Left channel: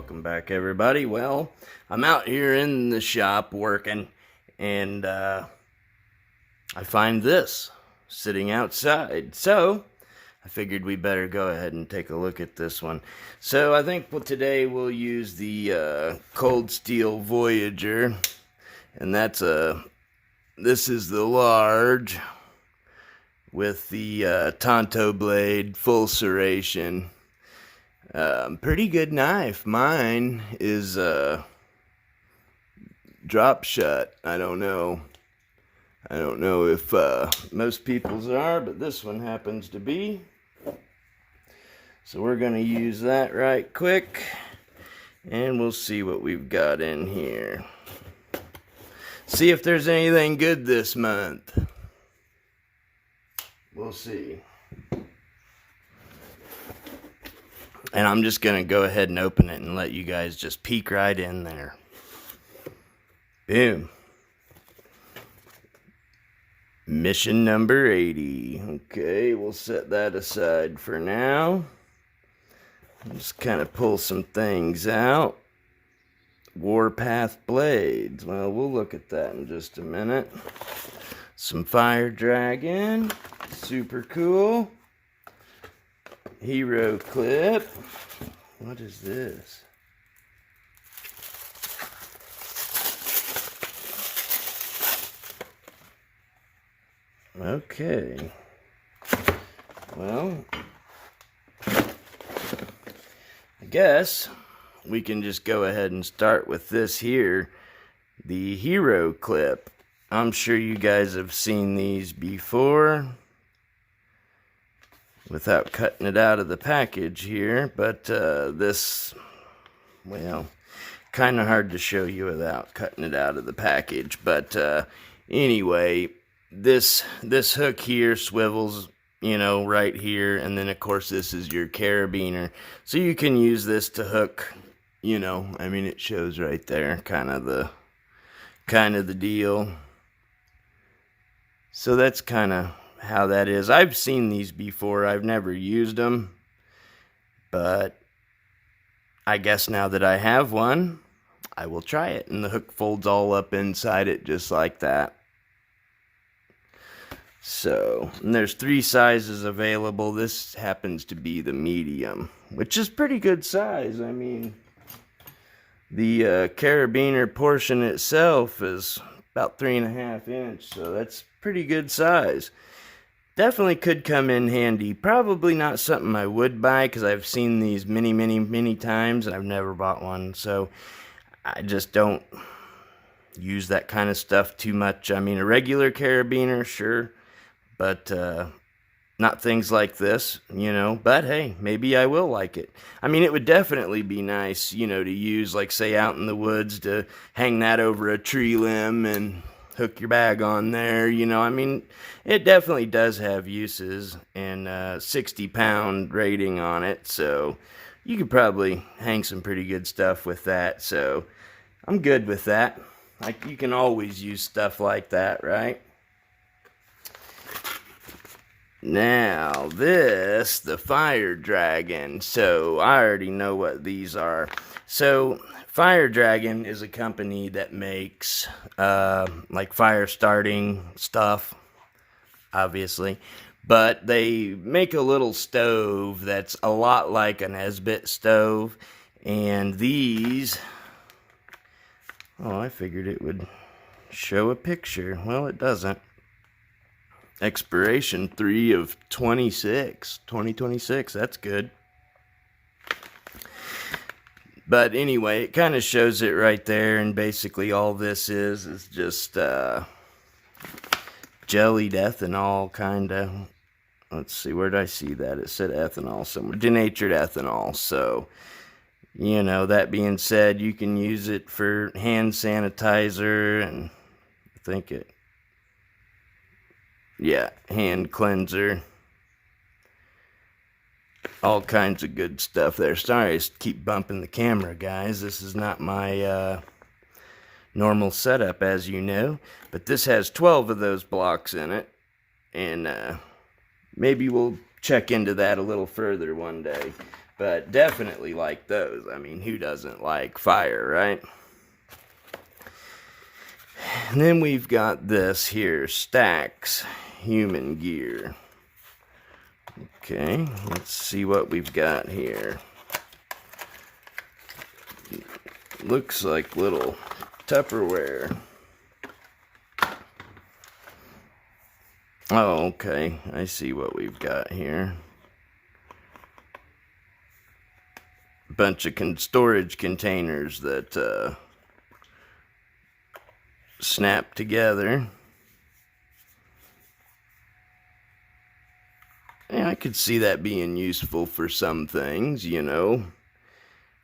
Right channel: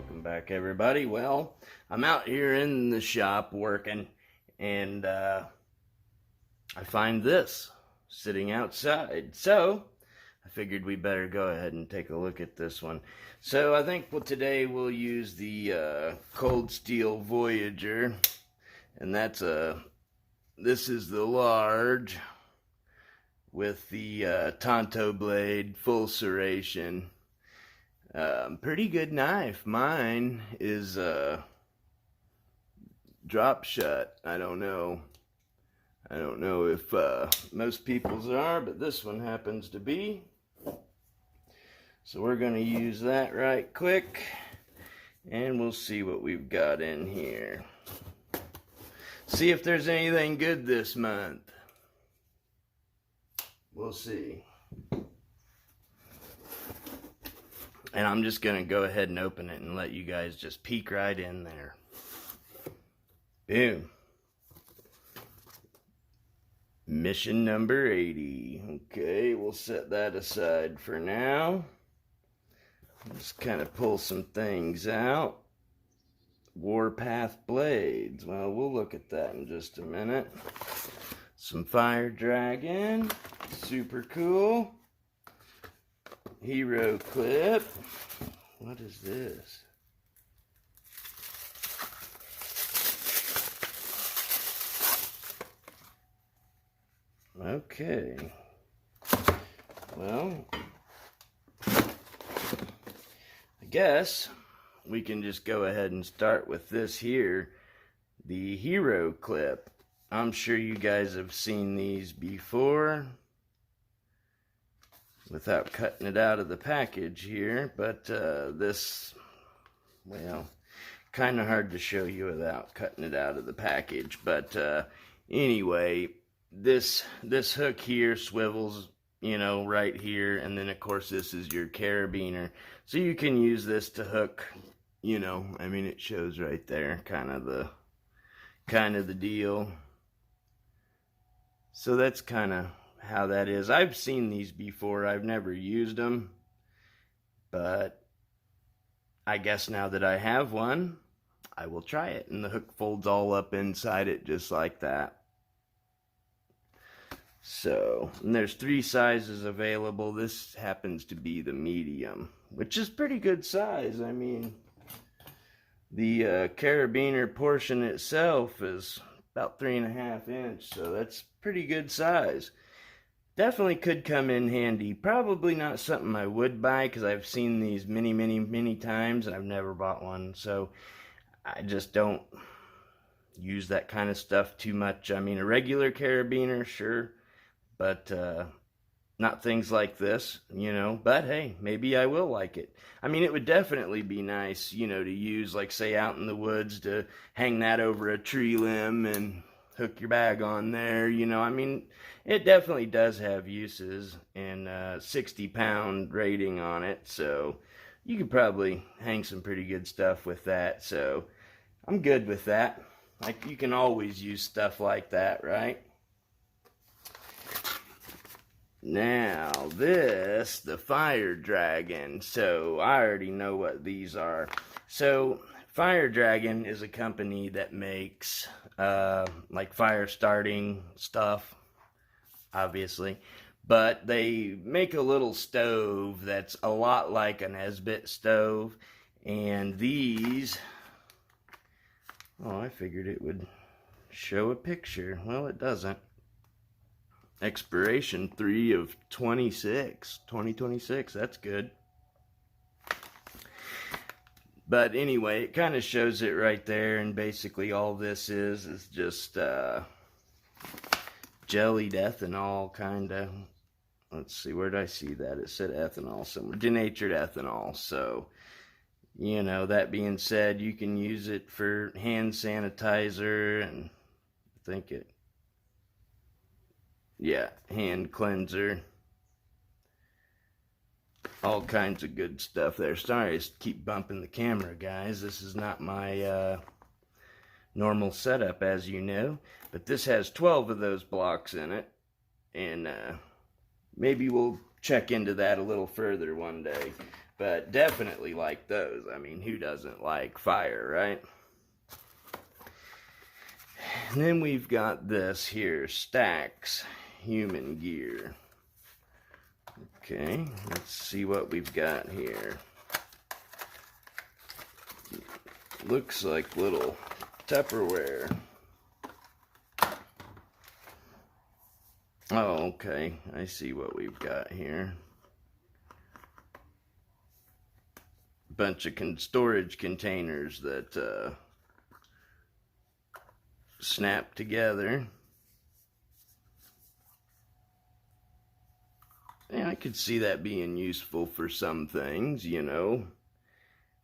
Welcome back, everybody. Well, I'm out here in the shop working, and I find this sitting outside. So I figured we better go ahead and take a look at this one. So I think today we'll use the Cold Steel Voyager, and this is the large with the Tonto blade, full serration. Pretty good knife. Mine is drop shut. I don't know if most people's are, but this one happens to be. So we're gonna use that right quick, and we'll see what we've got in here. See if there's anything good this month. We'll see. And I'm just going to go ahead and open it and let you guys just peek right in there. Boom. Mission number 80. Okay, we'll set that aside for now. Just kind of pull some things out. Warpath blades. Well, we'll look at that in just a minute. Some Fire Dragon. Super cool. Hero clip. What is this? Okay. Well, I guess we can just go ahead and start with this here, the hero clip. I'm sure you guys have seen these before without cutting it out of the package here, but this, well, kind of hard to show you without cutting it out of the package. But anyway, this hook here swivels, you know, right here, and then of course this is your carabiner, so you can use this to hook, you know, I mean, it shows right there kind of the deal. So that's kind of how that is. I've seen these before. I've never used them, but I guess now that I have one, I will try it. And the hook folds all up inside it just like that. So, and there's 3 sizes available. This happens to be the medium, which is pretty good size. I mean, the carabiner portion itself is about 3.5 inch, so that's pretty good size. Definitely could come in handy. Probably not something I would buy, because I've seen these many times and I've never bought one. So I just don't use that kind of stuff too much. I mean, a regular carabiner, sure, but not things like this, you know. But hey, maybe I will like it. I mean, it would definitely be nice, you know, to use, like, say, out in the woods, to hang that over a tree limb and hook your bag on there, you know. I mean, it definitely does have uses, and 60-pound rating on it, so you could probably hang some pretty good stuff with that. So I'm good with that. Like, you can always use stuff like that, right? Now this, the Fire Dragon. So I already know what these are. So Fire Dragon is a company that makes like fire starting stuff, obviously, but they make a little stove that's a lot like an Esbit stove. And these, oh, I figured it would show a picture. Well, it doesn't. Expiration 3 of 2026. That's good. But anyway, it kind of shows it right there, and basically all this is just jellied ethanol, kind of. Let's see, where did I see that? It said ethanol somewhere. Denatured ethanol. So, you know, that being said, you can use it for hand sanitizer, and I think it, yeah, hand cleanser. All kinds of good stuff there. Sorry, I keep bumping the camera, guys. This is not my normal setup, as you know. But this has 12 of those blocks in it. And maybe we'll check into that a little further one day. But definitely like those. I mean, who doesn't like fire, right? And then we've got this here, Stax Human Gear. Okay, let's see what we've got here. Looks like little Tupperware. Oh, okay, I see what we've got here. Bunch of storage containers that snap together. Yeah, I could see that being useful for some things, you know.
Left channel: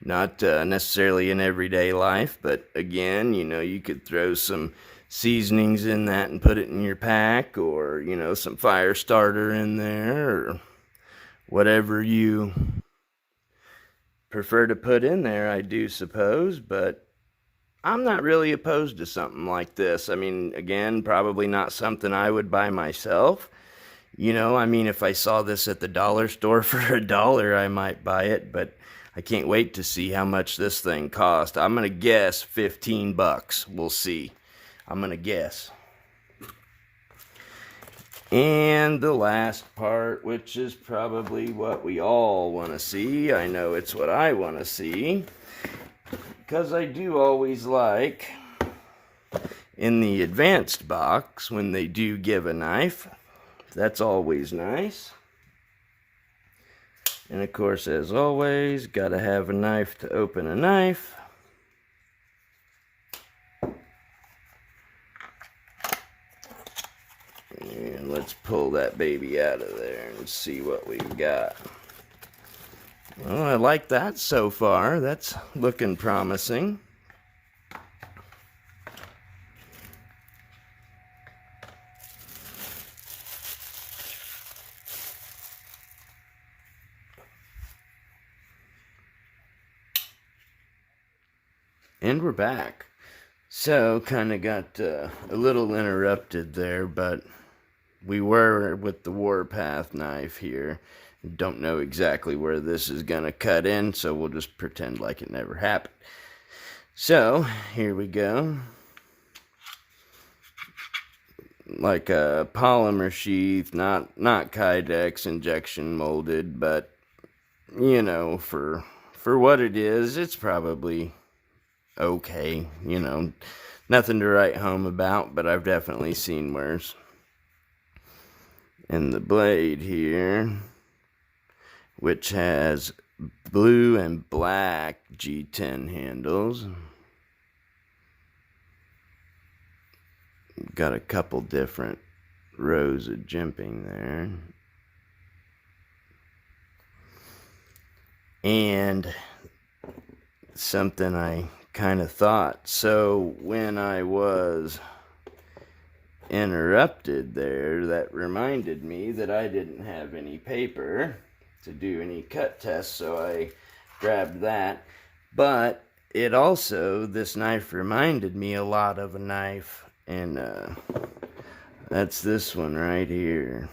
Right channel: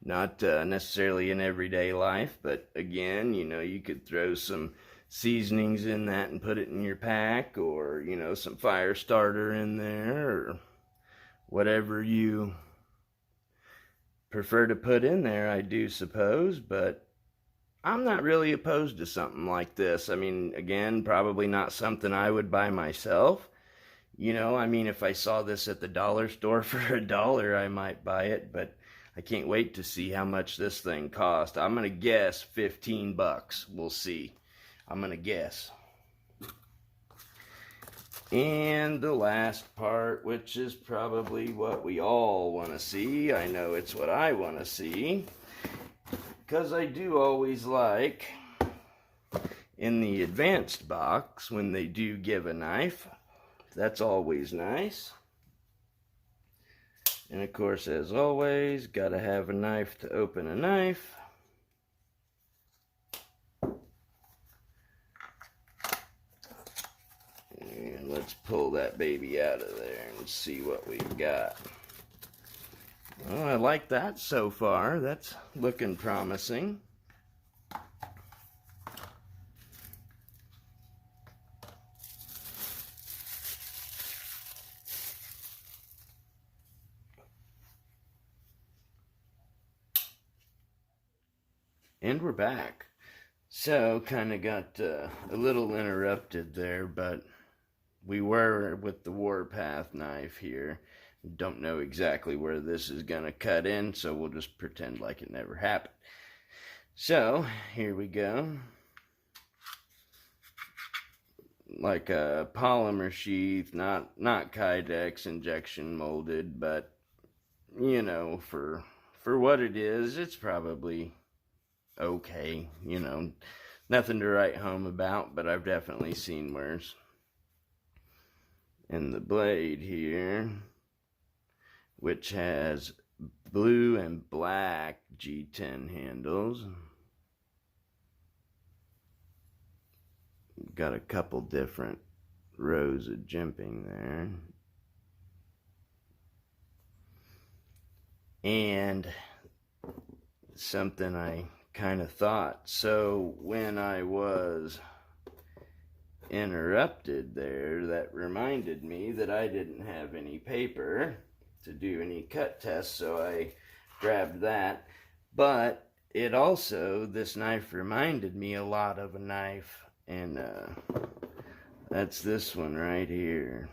Not necessarily in everyday life, but again, you know, you could throw some seasonings in that and put it in your pack, or, you know, some fire starter in there, or whatever you prefer to put in there, I do suppose. But I'm not really opposed to something like this. I mean, again, probably not something I would buy myself. You know, I mean, if I saw this at the dollar store for $1, I might buy it, but I can't wait to see how much this thing cost. I'm going to guess 15 bucks. We'll see. I'm going to guess. And the last part, which is probably what we all want to see. I know it's what I want to see, because I do always like, in the advanced box, when they do give a knife. That's always nice. And of course, as always, gotta have a knife to open a knife. And let's pull that baby out of there and see what we've got. Well, I like that so far. That's looking promising. And we're back. So, kind of got a little interrupted there, but we were with the Warpath knife here. Don't know exactly where this is going to cut in, so we'll just pretend like it never happened. So, here we go. Like a polymer sheath, not Kydex injection molded, but, you know, for what it is, it's probably okay, you know, nothing to write home about, but I've definitely seen worse. And the blade here, which has blue and black G10 handles. Got a couple different rows of jimping there. And something I kind of thought. So when I was interrupted there, that reminded me that I didn't have any paper to do any cut tests, so I grabbed that. But it also, this knife reminded me a lot of a knife, and that's this one right here.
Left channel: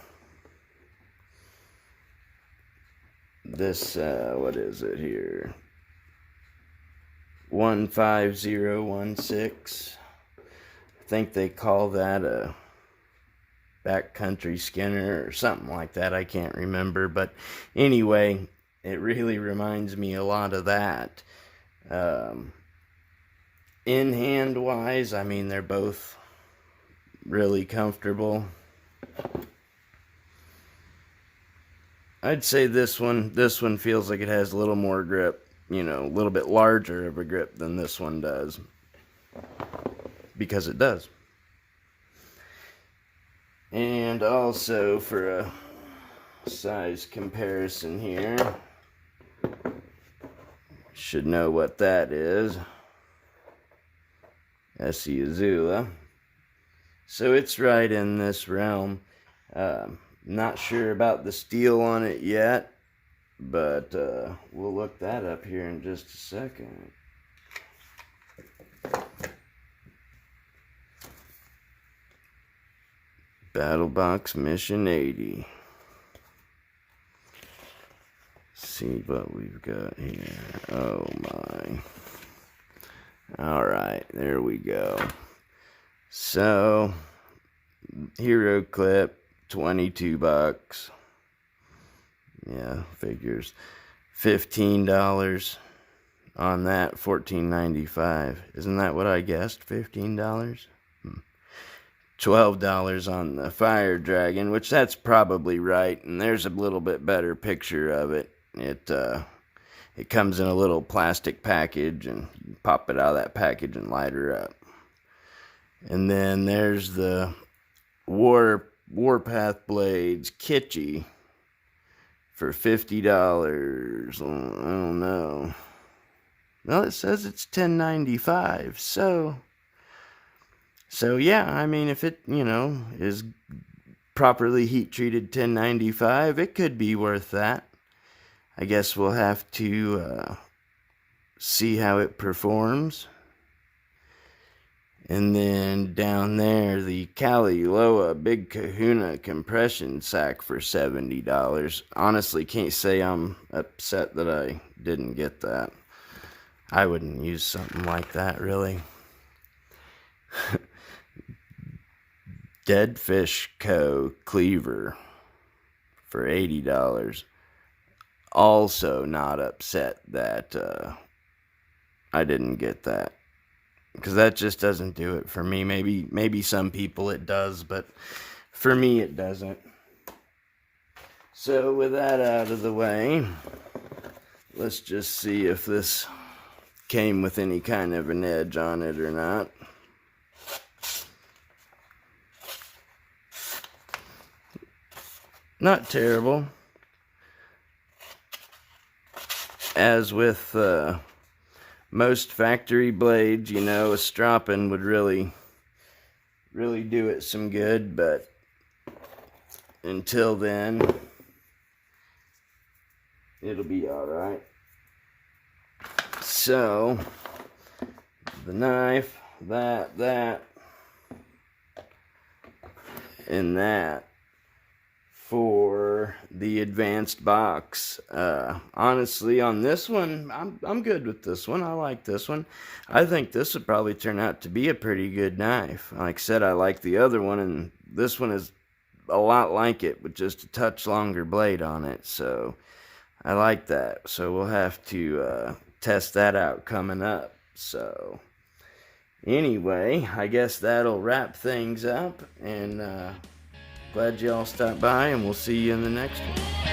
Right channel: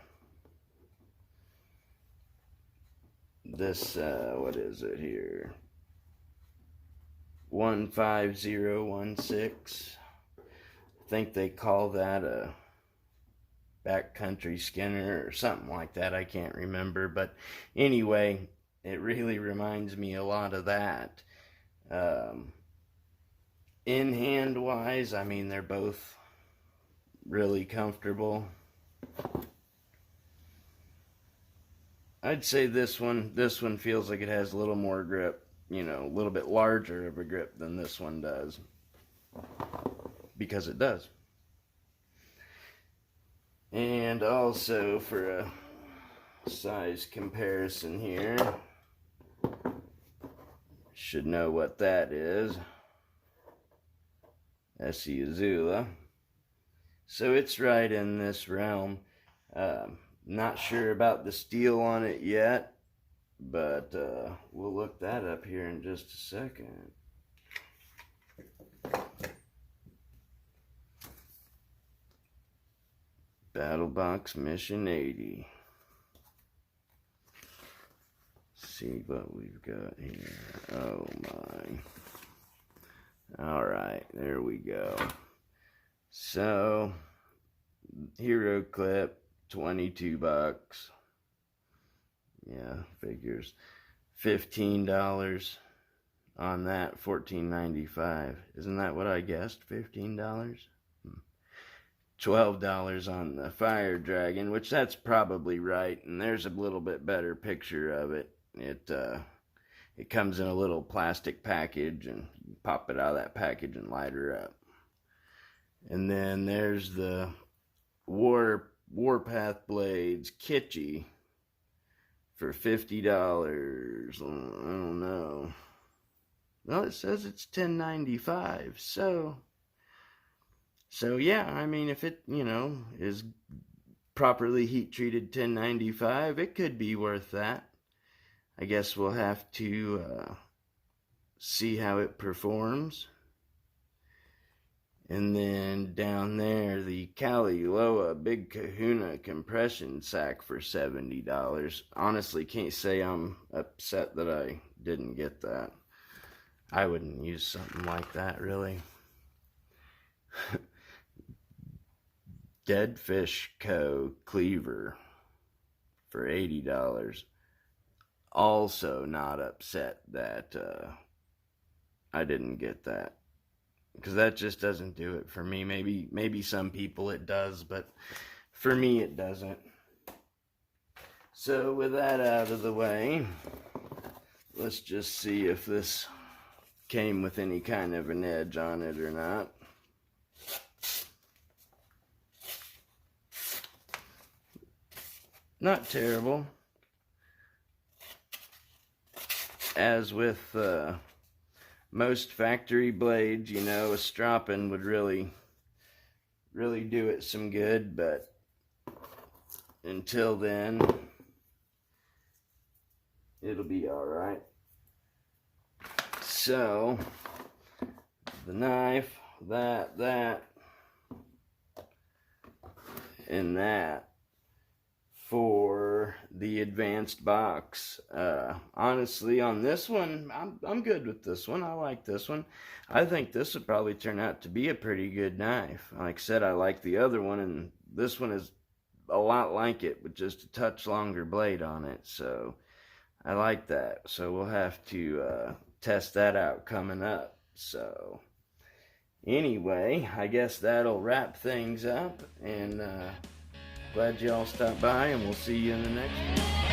This, what is it here? 15016. I think they call that a backcountry Skinner or something like that. I can't remember, but anyway, it really reminds me a lot of that. In hand wise, I mean, they're both really comfortable. I'd say this one feels like it has a little more grip. You know, a little bit larger of a grip than this one does, because it does. And also, for a size comparison here, should know what that is. Essie Azula. So it's right in this realm. Not sure about the steel on it yet, but we'll look that up here in just a second. Battlbox Mission 80. See what we've got here. Oh my. Alright, there we go. So, hero clip, 22 bucks. Yeah, figures. $15 on that, $14.95. Isn't that what I guessed? $15? $12 on the fire dragon, which that's probably right, and there's a little bit better picture of it. It comes in a little plastic package, and you pop it out of that package and light her up. And then there's the Warpath Blades Kitschy for $50. I don't know. Well, it says it's $10.95, so yeah, I mean, if it, is properly heat treated $10.95, it could be worth that. I guess we'll have to see how it performs. And then down there, the Kali Loa Big Kahuna compression sack for $70. Honestly, can't say I'm upset that I didn't get that. I wouldn't use something like that, really. Dead Fish Co. Cleaver for $80. Also not upset that I didn't get that, because that just doesn't do it for me. Maybe some people it does, but for me it doesn't. So with that out of the way, let's just see if this came with any kind of an edge on it or not. Not terrible. As with most factory blades, a stropping would really do it some good, but until then, it'll be alright. So, the knife, that, and that for the advanced box. Honestly, on this one, I'm good with this one. I like this one. I think this would probably turn out to be a pretty good knife. Like I said, I like the other one, and this one is a lot like it, with just a touch longer blade on it. So I like that. So we'll have to test that out coming up. So anyway, I guess that'll wrap things up, and glad y'all stopped by, and we'll see you in the next one.